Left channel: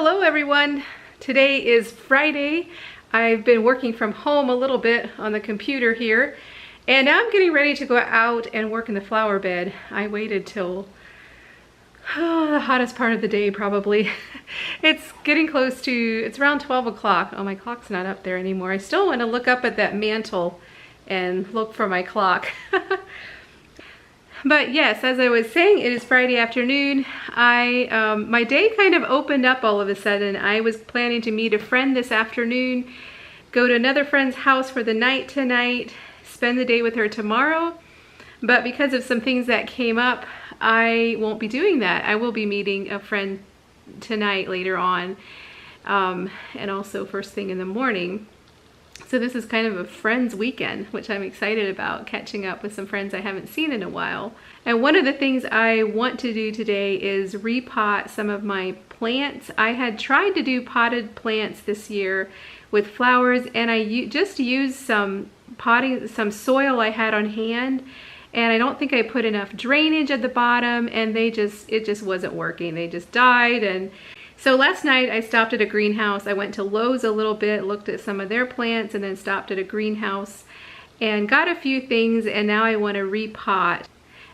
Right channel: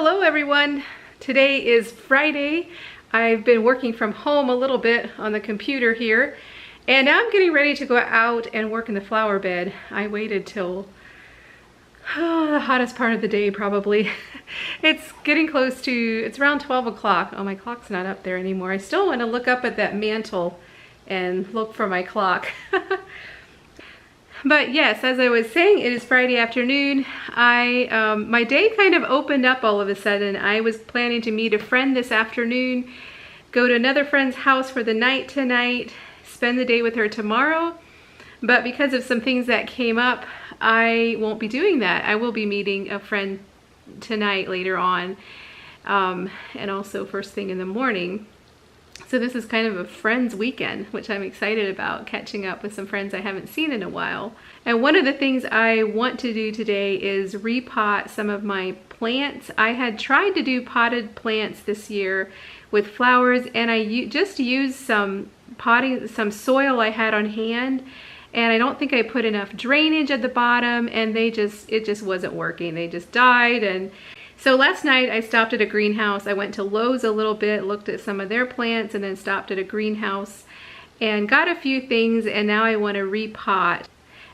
Hello everyone. Today is Friday. I've been working from home a little bit on the computer here, and now I'm getting ready to go out and work in the flower bed. I waited till the hottest part of the day probably. It's getting close to, it's around 12 o'clock. Oh, my clock's not up there anymore. I still want to look up at that mantle and look for my clock. But yes, as I was saying, it is Friday afternoon. My day kind of opened up all of a sudden. I was planning to meet a friend this afternoon, go to another friend's house for the night tonight, spend the day with her tomorrow. But because of some things that came up, I won't be doing that. I will be meeting a friend tonight later on, and also first thing in the morning. So this is kind of a friends weekend, which I'm excited about, catching up with some friends I haven't seen in a while. And one of the things I want to do today is repot some of my plants. I had tried to do potted plants this year with flowers, and I just used some some soil I had on hand, and I don't think I put enough drainage at the bottom, and it just wasn't working. They just died. And so last night I stopped at a greenhouse. I went to Lowe's a little bit, looked at some of their plants, and then stopped at a greenhouse and got a few things, and now I want to repot.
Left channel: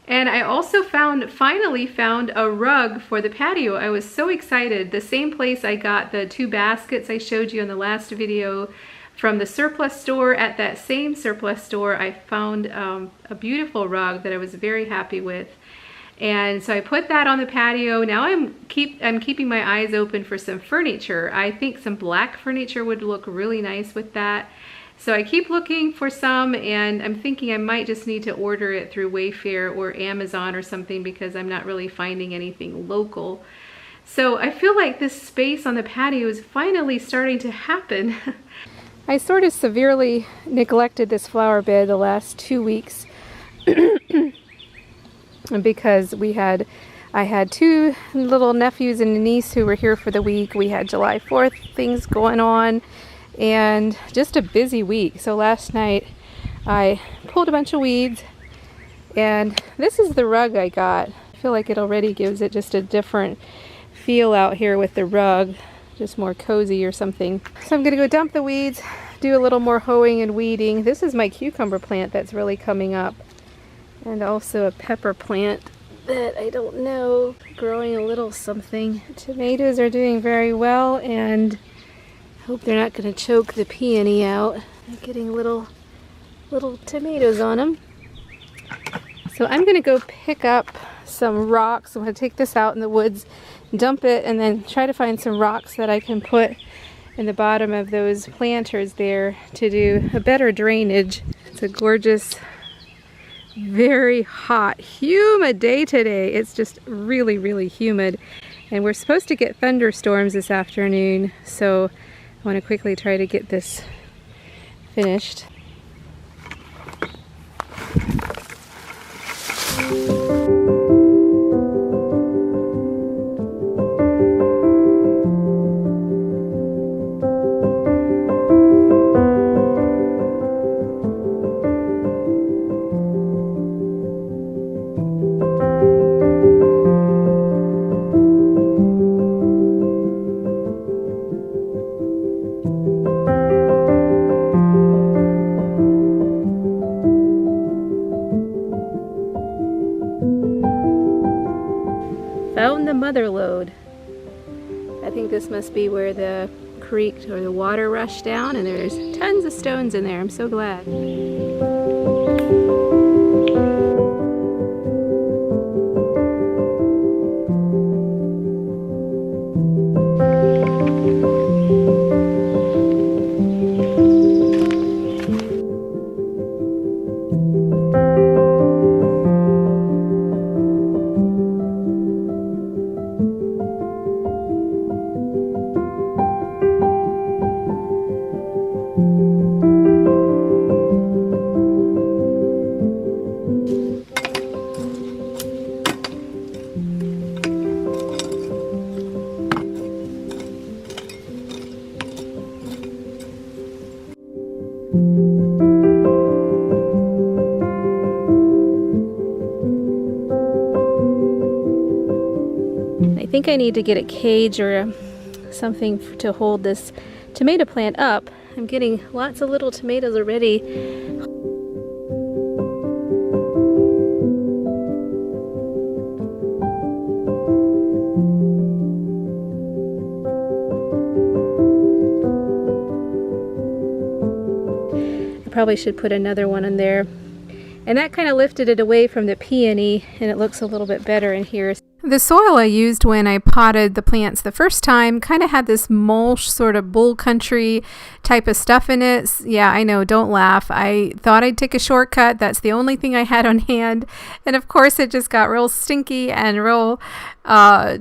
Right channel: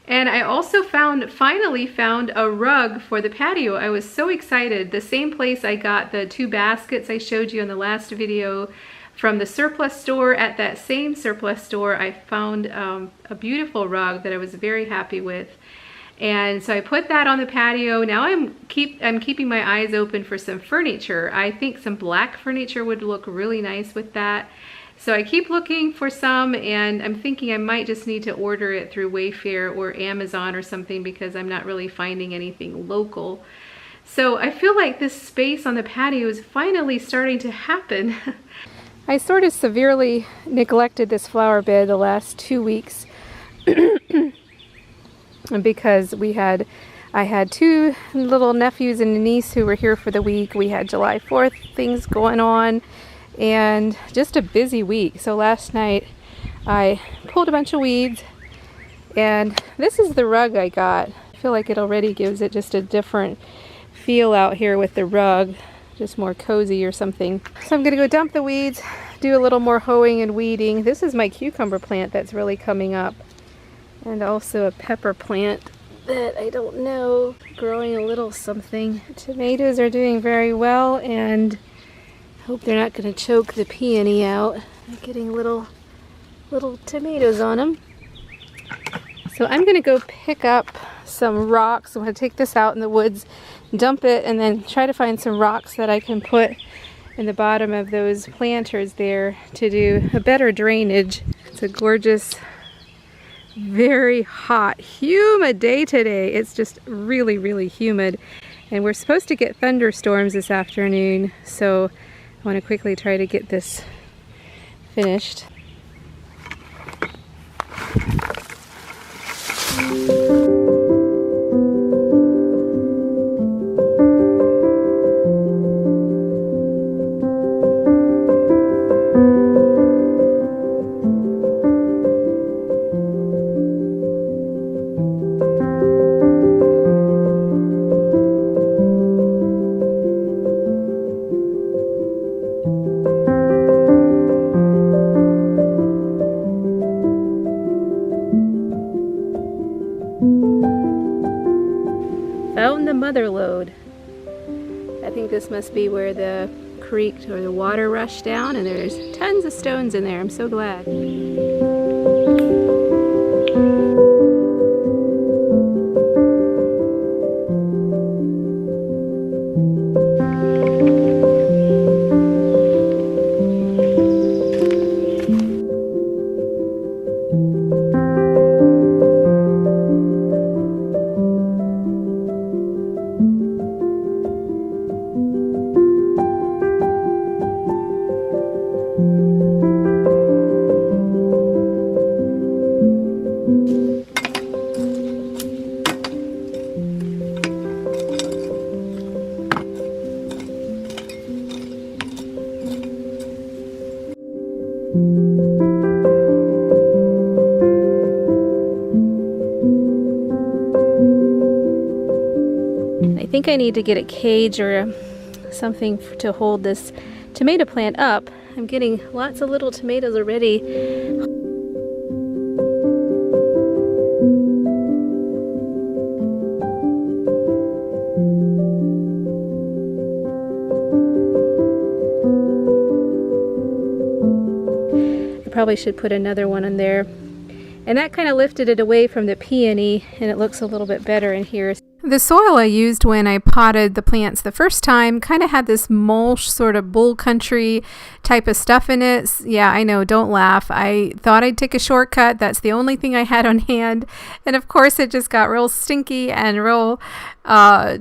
And I also finally found a rug for the patio. I was so excited. The same place I got the 2 baskets I showed you in the last video from the surplus store. At that same surplus store, I found a beautiful rug that I was very happy with. And so I put that on the patio. Now I'm keeping my eyes open for some furniture. I think some black furniture would look really nice with that. So I keep looking for some, and I'm thinking I might just need to order it through Wayfair or Amazon or something, because I'm not really finding anything local. So I feel like this space on the patio is finally starting to happen. I sort of severely neglected this flower bed the last 2 weeks. Because I had 2 little nephews and a niece who were here for the week. We had July 4th things going on, and just a busy week. So last night I pulled a bunch of weeds, and this is the rug I got. I feel like it already gives it just a different feel out here with the rug, just more cozy or something. So I'm gonna go dump the weeds, do a little more hoeing and weeding. This is my cucumber plant that's really coming up. And also a pepper plant that I don't know, growing a little something. Tomatoes are doing very well, and I hope they're not going to choke the peony out. They're getting little tomatoes on them. So I'm going to go pick up some rocks. I'm going to take this out in the woods, dump it, and then try to find some rocks that I can put in the bottom of those planters there to do a better drainage. It's a gorgeous, very hot, humid day today. It's just really, really humid, and we're supposed to get thunderstorms this afternoon, so I want to quickly try to get this finished. Found the mother lode. I think this must be where the creek or the water rushed down, and there's tons of stones in there. I'm so glad. I think I need to get a cage or something to hold this tomato plant up. I'm getting lots of little tomatoes already. I probably should put another one in there. And that kind of lifted it away from the peony, and it looks a little bit better in here. The soil I used when I potted the plants the first time kind of had this mulch, sort of bull country type of stuff in it. Yeah, I know, don't laugh. I thought I'd take a shortcut. That's the only thing I had on hand. And of course it just got real stinky and real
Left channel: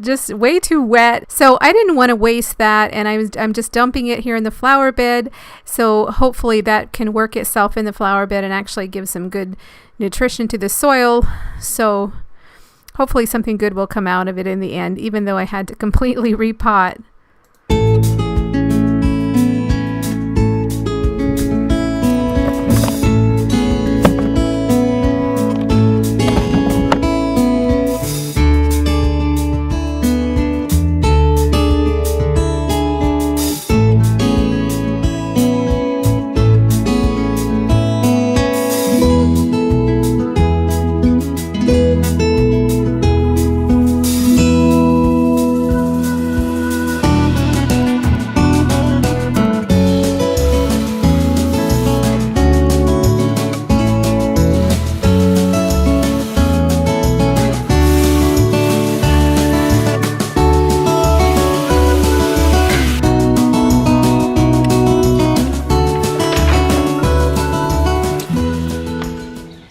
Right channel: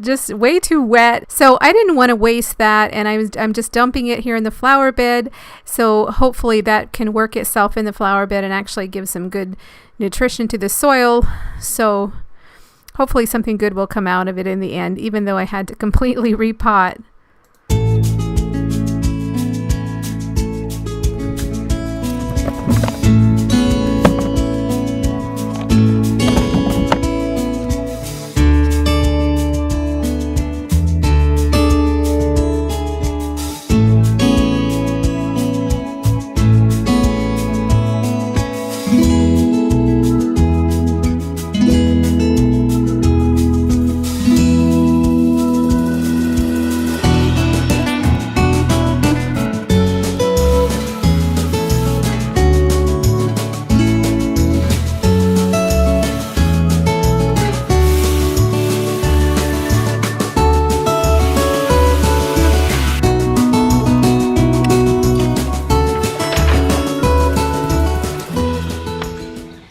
just way too wet. So I didn't want to waste that, and I'm just dumping it here in the flower bed. So hopefully that can work itself in the flower bed and actually give some good nutrition to the soil. So hopefully something good will come out of it in the end, even though I had to completely repot.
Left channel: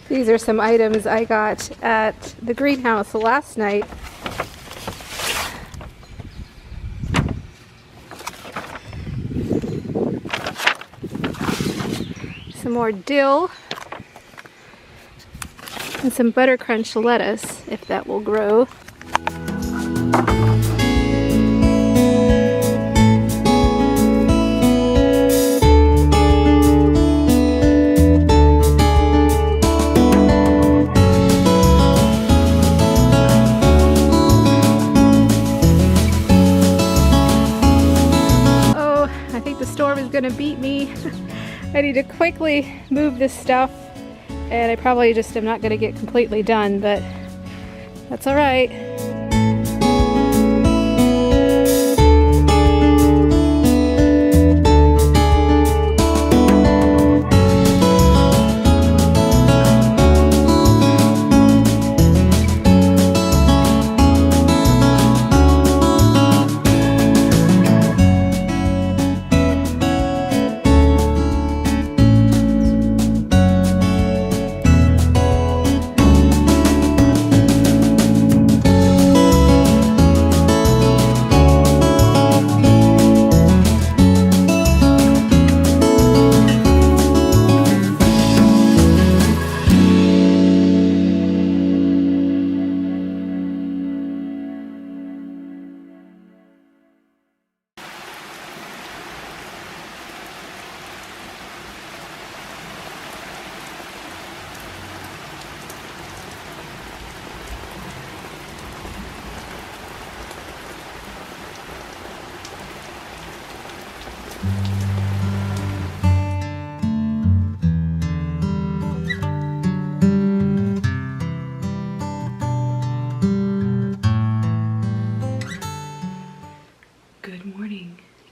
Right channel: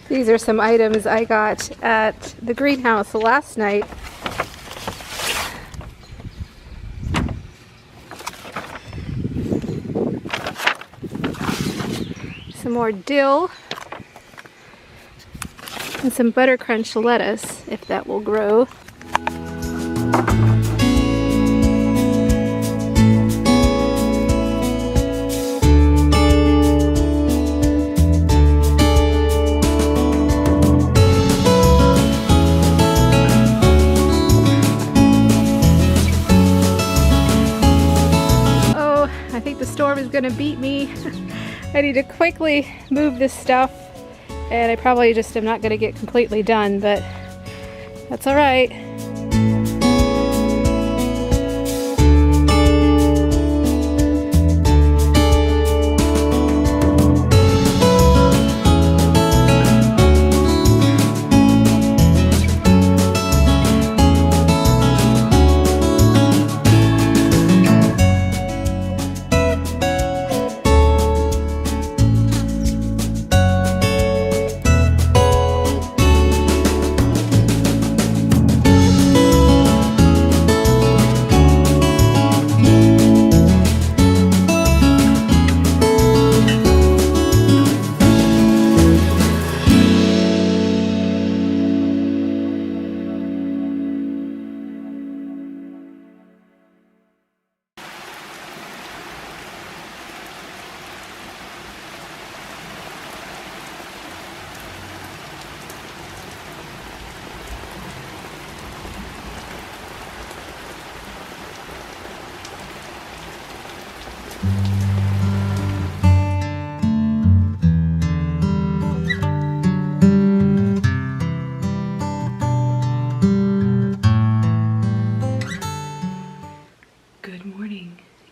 These are some items I got at the greenhouse last night. Some more dill and some butter crunch lettuce, if that will grow. Gonna beat me. I need to quickly move this stuff, and I probably just am not gonna get completely done, but that's all right.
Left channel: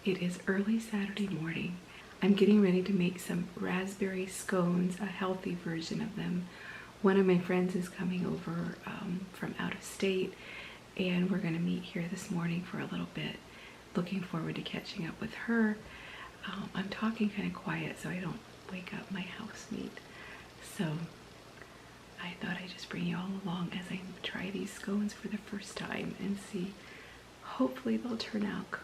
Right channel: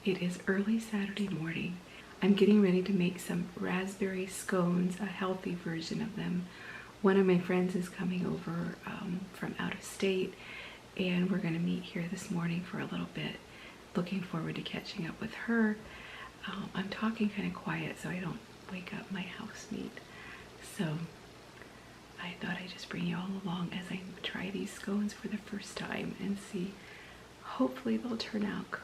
It is early Saturday morning. I'm getting ready to make some raspberry scones, a healthy version of them. One of my friends is coming over from out of state, and we're going to meet here this morning for a little bit. Looking forward to catching up with her. I'm talking kind of quiet so I don't wake up my housemate. So I thought I'd just bring you all along as I try these scones for the first time and see. Hopefully they'll turn out good.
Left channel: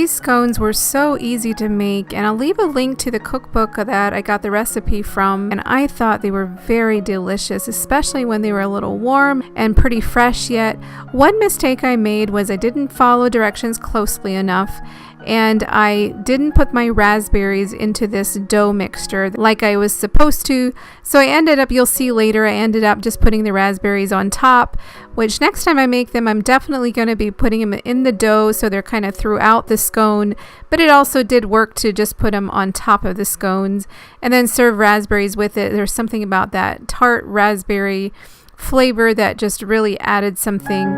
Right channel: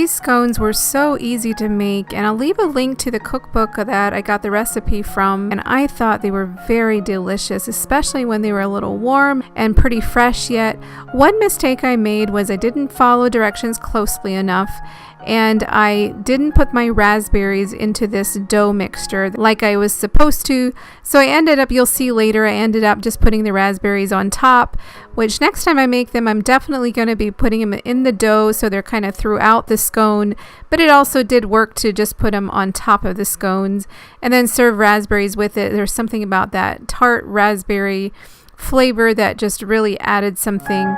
These scones were so easy to make, and I'll leave a link to the cookbook that I got the recipe from, and I thought they were very delicious, especially when they were a little warm and pretty fresh yet. One mistake I made was I didn't follow directions closely enough, and I didn't put my raspberries into this dough mixture like I was supposed to. So I ended up, you'll see later, I ended up just putting the raspberries on top, which next time I make them, I'm definitely going to be putting them in the dough so they're kind of throughout the scone. But it also did work to just put them on top of the scones and then serve raspberries with it. There's something about that tart raspberry flavor that just really added something.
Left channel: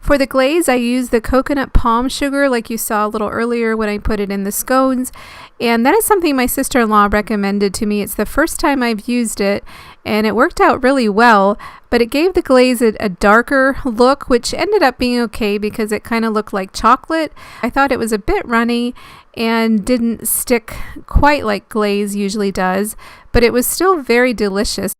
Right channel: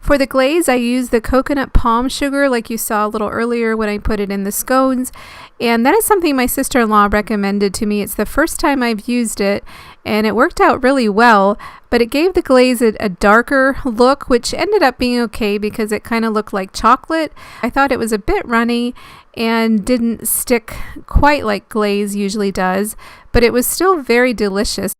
For the glaze, I used the coconut palm sugar like you saw a little earlier when I put it in the scones, and that is something my sister-in-law recommended to me. It's the first time I've used it, and it worked out really well, but it gave the glaze a darker look, which ended up being okay because it kind of looked like chocolate. I thought it was a bit runny and didn't stick quite like glaze usually does, but it was still very delicious.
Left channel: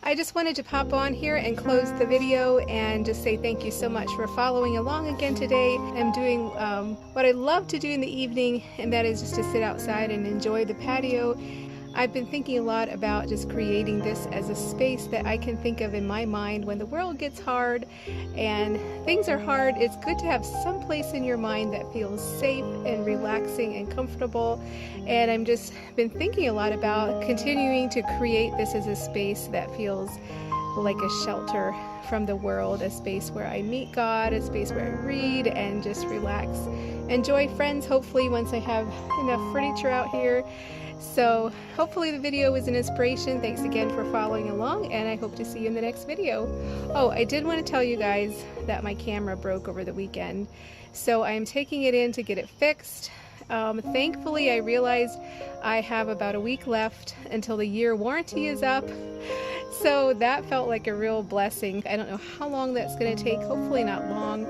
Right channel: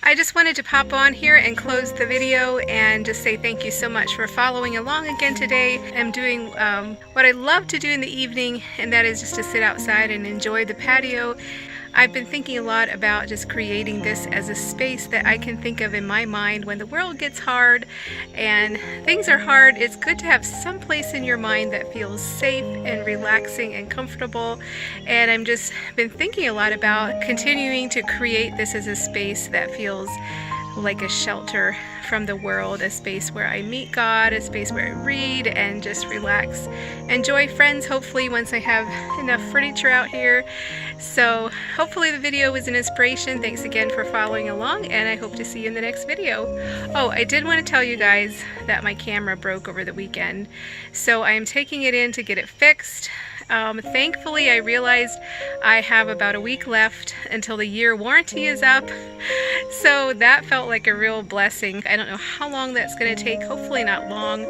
I just wanted to pop on here and close the video and just say thank you so much for following along again today. I'm doing what I love to do in the evening, and that is just to sit outside and enjoy the patio. I've been thinking a lot about just creating this as a space that I can think of in my mind when the world gets hard and things are hard. It's good to have some place in your mind that feels safe and relaxing and comfortable, and I'm just been thinking a lot about continuing to create this as a space that feels like a shelter from the world, a space where I meet God, a space where I read and just relax, enjoy friends, hopefully once I have enough furniture out here. So hopefully the video was an inspiration. Thanks again for following along, and I hope to see you in the next video. Oh, I did want to tell you guys that my camera broke over the weekend, so I am taking it in to get it fixed. Thankfully, I realized I have about a week left until the year warranty is up, so that felt like a real blessing. I don't know how long that's going to take, hopefully not long.